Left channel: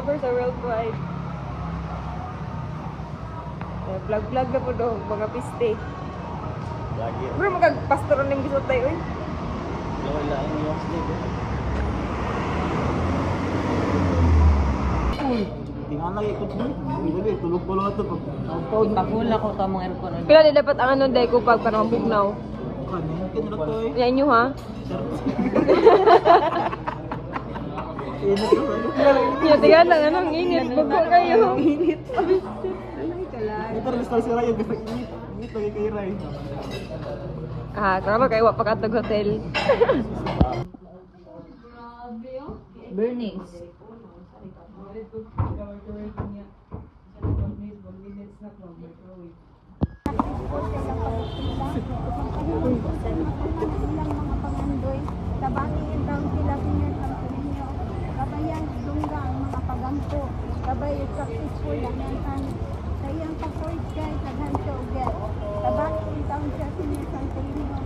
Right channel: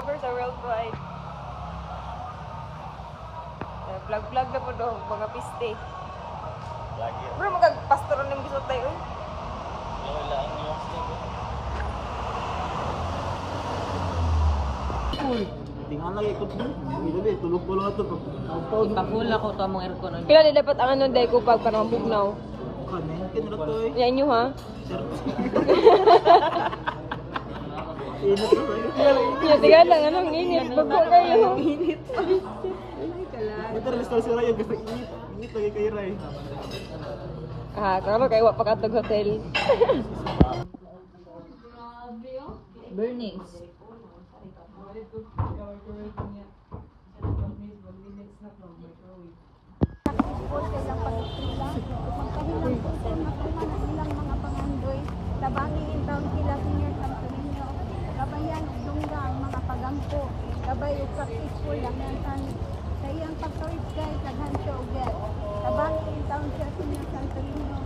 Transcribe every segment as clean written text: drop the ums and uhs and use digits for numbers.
Over sa worldwide. Vlog-vlog na po daw, mga piste. Bro, magagpastoran ng gisot tayo eh. Tingnan lagi ko dito. Hindi tulog-tulog ito pag Tapula ko ka mga aircon. Pero di dapat ang ano dahil ko pag parang bugnaw. Mungkin na to eh. Yan nyo ha? Yan, tingnan lang, anong init. Bago kayo. Init. Betul ni sekali sira yung ini lagi kay Ray. Ah, kalau kayo wapakatag hotel. Bernice. Ilang mga pangandoy, tabangin yung taong sila senior sampunin nyo. Kabayan, lungga ang mga pagampo. Kabay, successful ang yan sa iyang pag-proid kay Taghanto Uget. Tabangin yung taong siya senior sampunin nyo.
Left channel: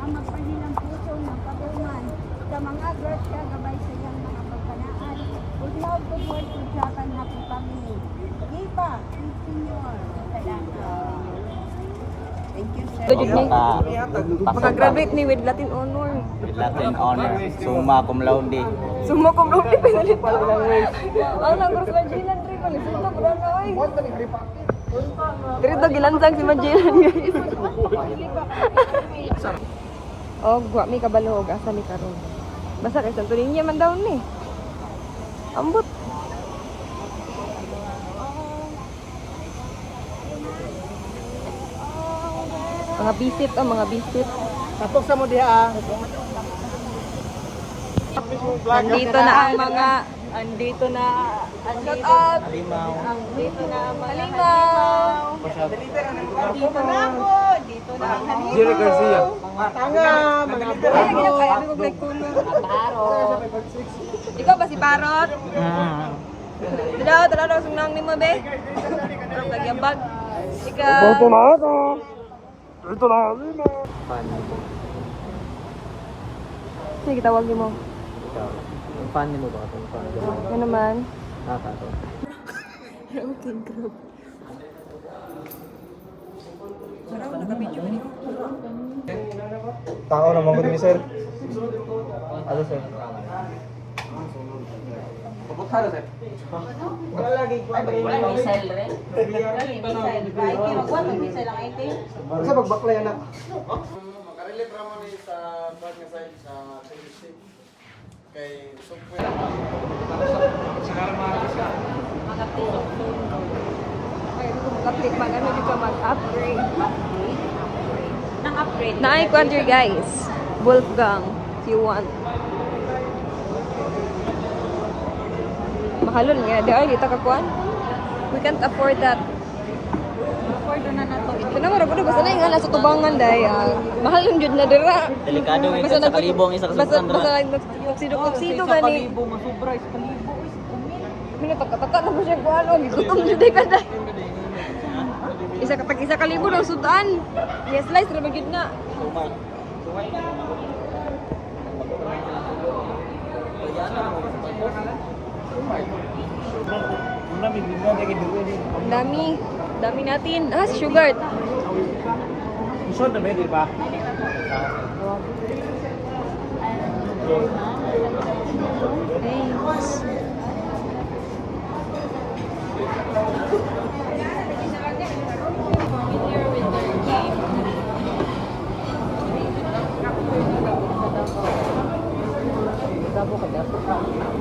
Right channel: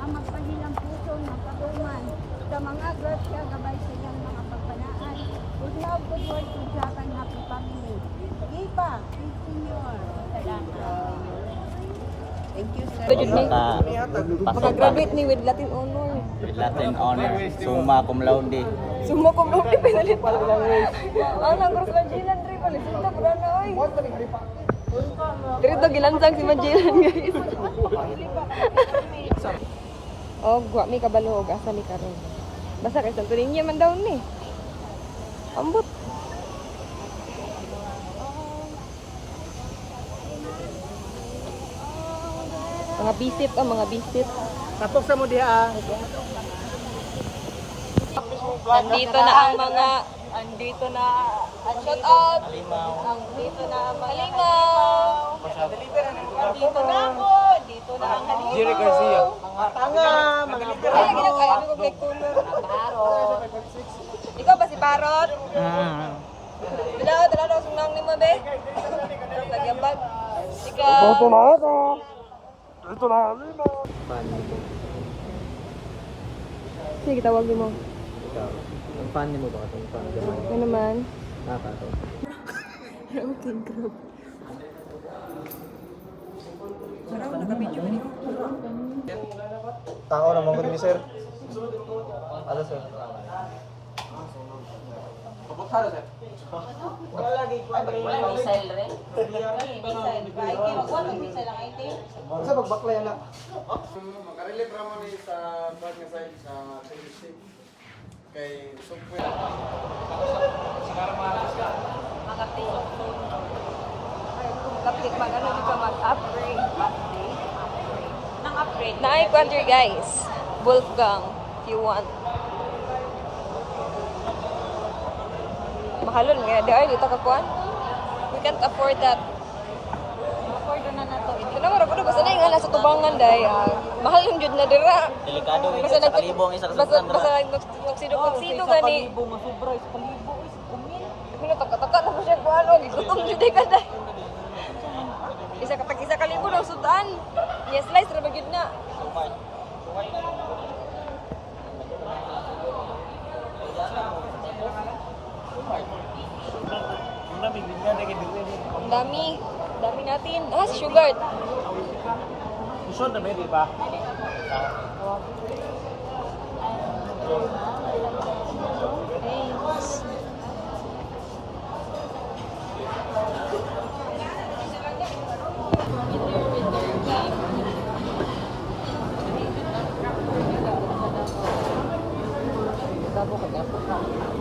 Ang magpahilang puso ng katungan. Sa mga grasya, gabay sa iyang mga pagpanaan. Udlaw ko board, udyakan happy family. Gipa, senior. Salamat. Thank you, sir. Pag-graduate ni with Latin honor. Latin honor, summa cum laude. Sumo ko bro, pinalit pa lang. Ang nagros Magellan rin pala. Sino ko na oy. Pero ito gilansang si Magellan. Oh, gwa mi kabalog asa mi karon. Basta kay Santo Niño man daw ni. Ambot. Mga bisit o mga bisit. Tapos sa mo diha. Andito na ang mga andito na shout out. Andito na ang mga halimaw. Dito na ako. Dito na ang halimaw. Julie Garcia. Tanga, malabo. Ay, kinakaya ko nagtulong. Parot. Ikaw ba si Parot? Tidak, talaga sunang ni mo be. Pero nagyambag. Ikaw. Ito na ako. Ito na ako. Sige, tawag mo. Ang fan mo ba? Ang fan mo. Ano naman? Nakato. Okay, grab. Tao naman ko ni sir. Ano sir? Missile rin. Missile. Ay, magkuhan ng missile lang ito. Sa magbaklay na. Makarelate ramon ni sa bag nga side sa logistic kay software. Update mag ano di ka mag-upgrade. Nang-upgrade. Na-i-quadri guys. Wolfgang, if you want. Mahalon nga, dahil dito kakuan. We can't afford that. Afford na na to. Ito na nga, basta na yung nasa kubangan dahil mahal yung jud na dira. Delikado yun sa kalibong isang susan Basta dra. nagsido gani. Masubra. Sa kalibo. Ano pagkataka mo siya kung ano, gutom jud ka dahil. Isa kalibo ng sudan. Yes, slice ra magid na. Dami natin. Ah, sugar. Isod na ba di ba? Thanks.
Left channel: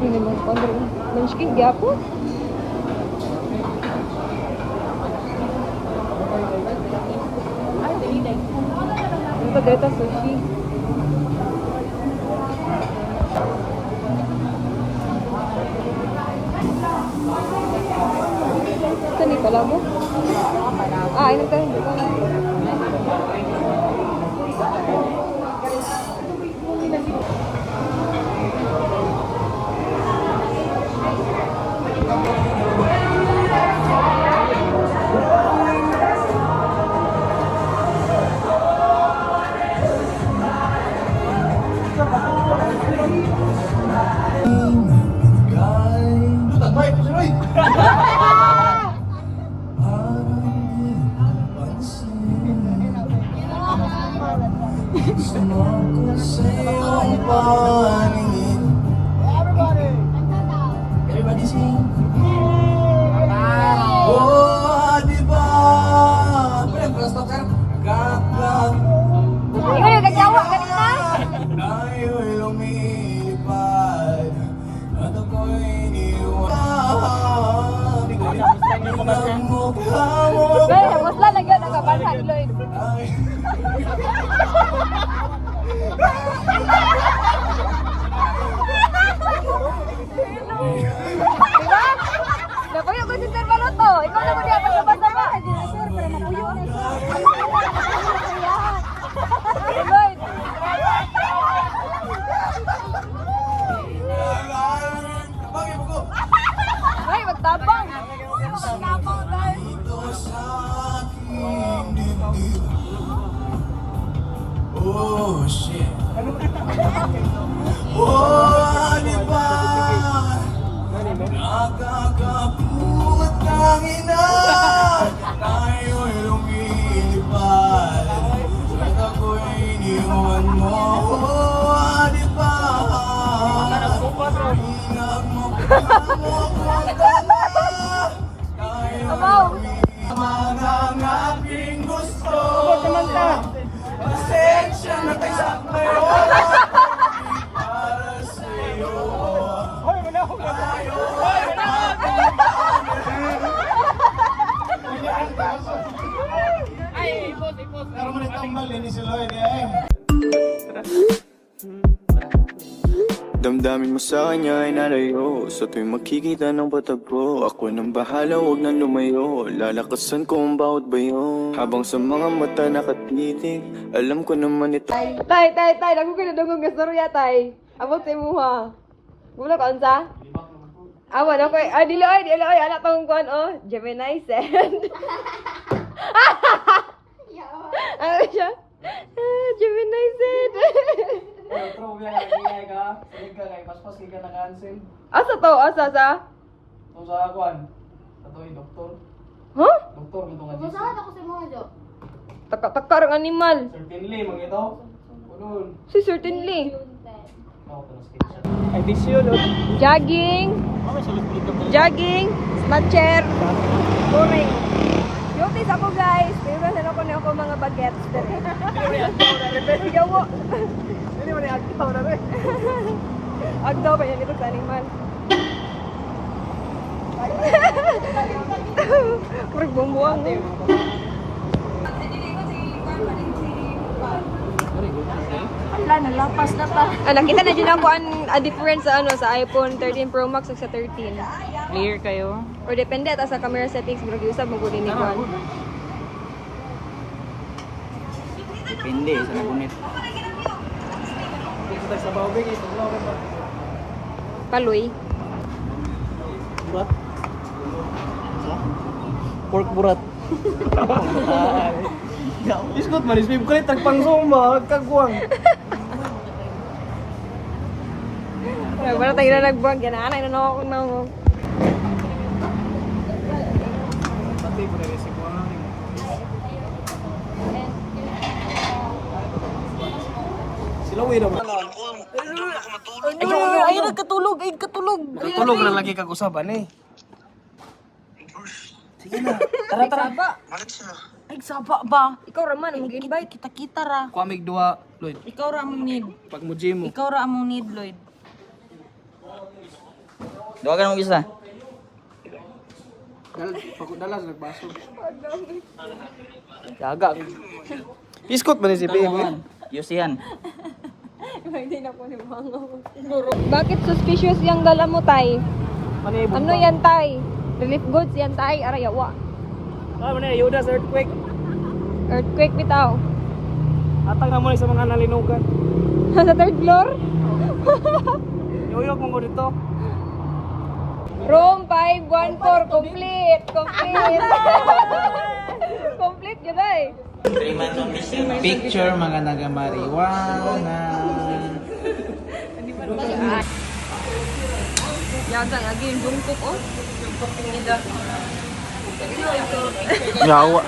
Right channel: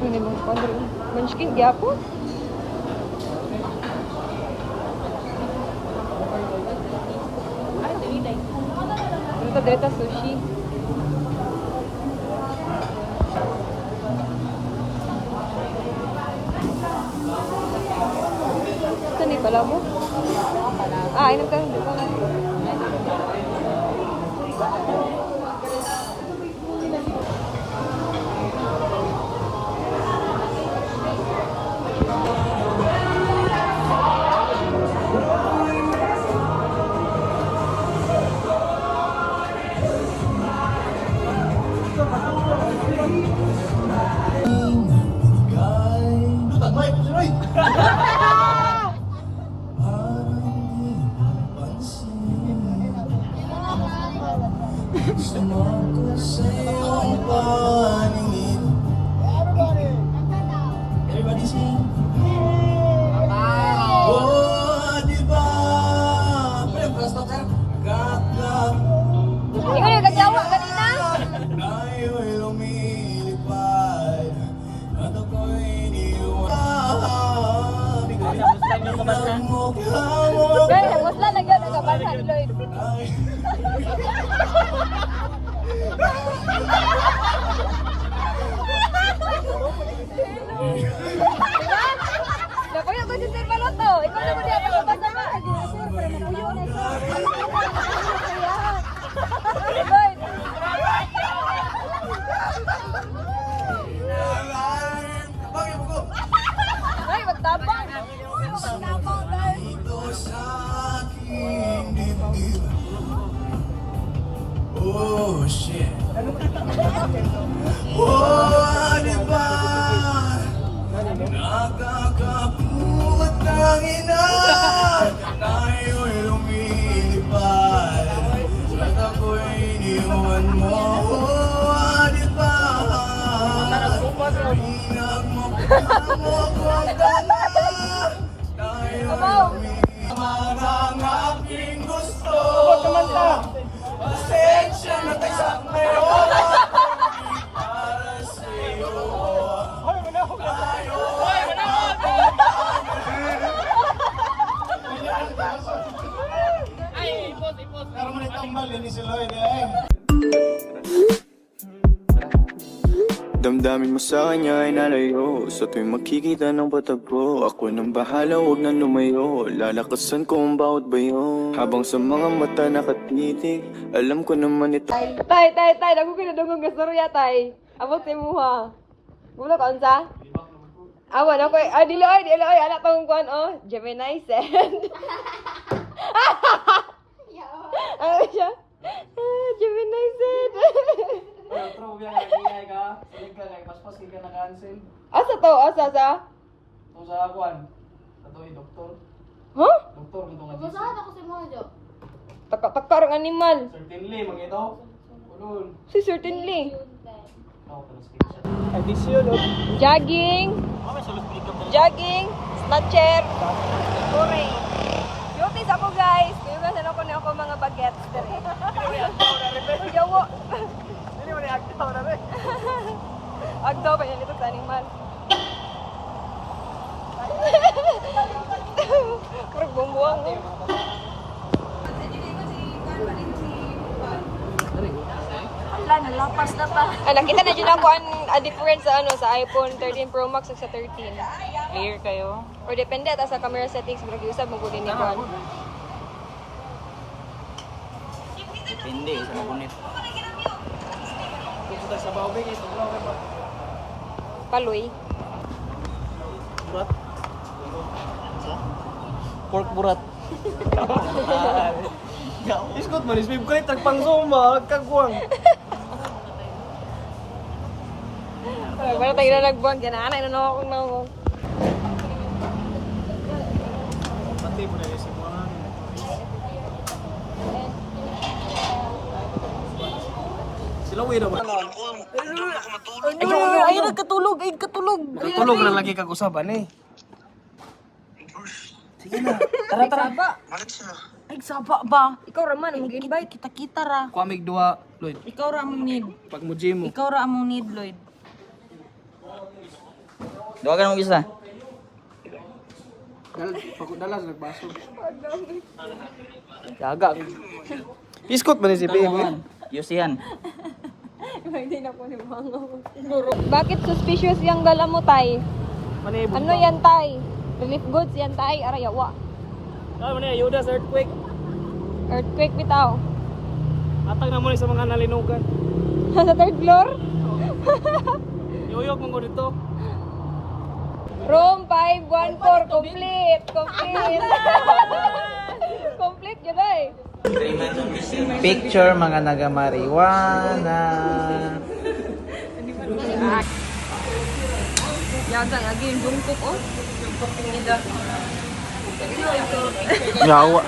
Ini mo pa rin. Manskin di ako. Ito dito sushi. Ito ni pala mo? Ah, ano ka? Roy! Sumako sa iyong paningin. Everybody sing. Oh, di ba? Kakak Ikaw yung kajawa kanina. tayo'y lumilipad at ako'y iniwan. Ang mukha mo Pero, musla na gano'n nagkabansan, Lloyd. ay Diba? Napuyo ko si Sir Baloto. Ikaw na mo diya pagbasa ba? Sir, para mapuyo na sir. Lloyd. Ay, magtabang. Magtabang, Lloyd. ito sa aking dibdib. Oh, shit. Oh, di ba? Nakakaput ng ina. Tayo'y lumilipad at ako'y iniwan mo. Oh, di ba? Hinag mo pa mo tayo'y lumilipad ang aking gusto. Pasensya na tayo sa para sa'yo. Damdamin mo sa kanya ay nalayo. Sa tuwing makikita ng patagpo, ako nang bahala, huwag nang lumayo. Lalakasan ko ang bawat bayo. Habang sa mga mata nakatitig, alam ko naman ito. Tay, dako kinadungog nga storya, tay. Abot sa imuha. Wala ka unsa? Awan ako, dili oy, anak tong kuan oh, Gemini send. Ano siya? Gemini send. Asa to? Asa sa? Huh? Masahan ako sa mga job. Taka-taka ang animal. Certainly, magito. Ulun. Si certainly. Ay, disyo, no? Jogging, snatcher, touring. Yotis ako guys. Kaya guys, ano ko na ako mga bagets dere. Gawa. Hindi mo na-active ako na rin. Agdaw ba yan ito sa animal? Parang bumbuang eh. Nakita na dyan ako a difference sa ano sa iPhone 13 Pro Max at sa 13. Clear kayo. Or depende ta sa camera settings pero giusab mo gud ni kuan. Depende sa ngunit. Paloy. Burat. Pork burat. Iskot man, isbib ko tagpang suma, kagwang. Wala tayo na nagbuwag yan. Anay na ako na ako. Pati ko na si Buwan. Sila uwi naman. Ay, nagkatulog. Tulog na lagi kag-usaban eh. Sige na. Tara, tara. Ay, saba ba? Ikaw raman, ang mag-invite. Kita-kita ra. Kuamig duha, Lloyd. Ikaw ra among need. Pag mo gym mo. Ikaw ra among need, Lloyd. Doon ka na mag-isa. Dalas, nagbaso. Gaga. Iskot man ni si Babe. Yusihan. Hindi na po ni mga. Bakit suspicious yung dala mo, tay? Ano yan, tay? Relief goods yan, tay. Arayawa. Ay, man eh, Yudas earthquake. Earthquake bitaw. Atag na muna sa mga nalinugan. Sa third floor? Yuyok mo ko dito. Room 514, complete. Complete yun ay. Picture mga nagamariwana. Yagang again, bungkok oh. Yawa.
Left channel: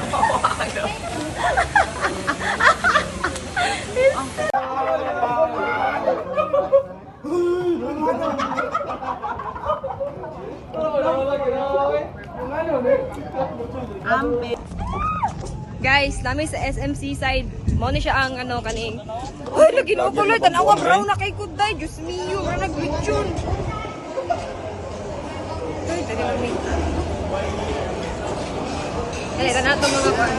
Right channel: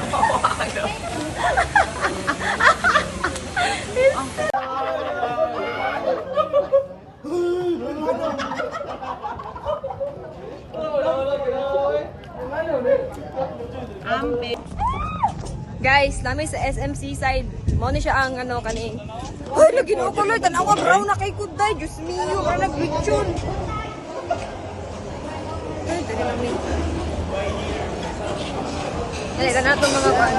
Guys, namin sa SMC side. Mo ni siya ang ano kaning. Uy, lagi no color tanawa brown na kay kuday. Diyos mio, para nag-glitchon. Dali lang mi. Dali na nato mga pan.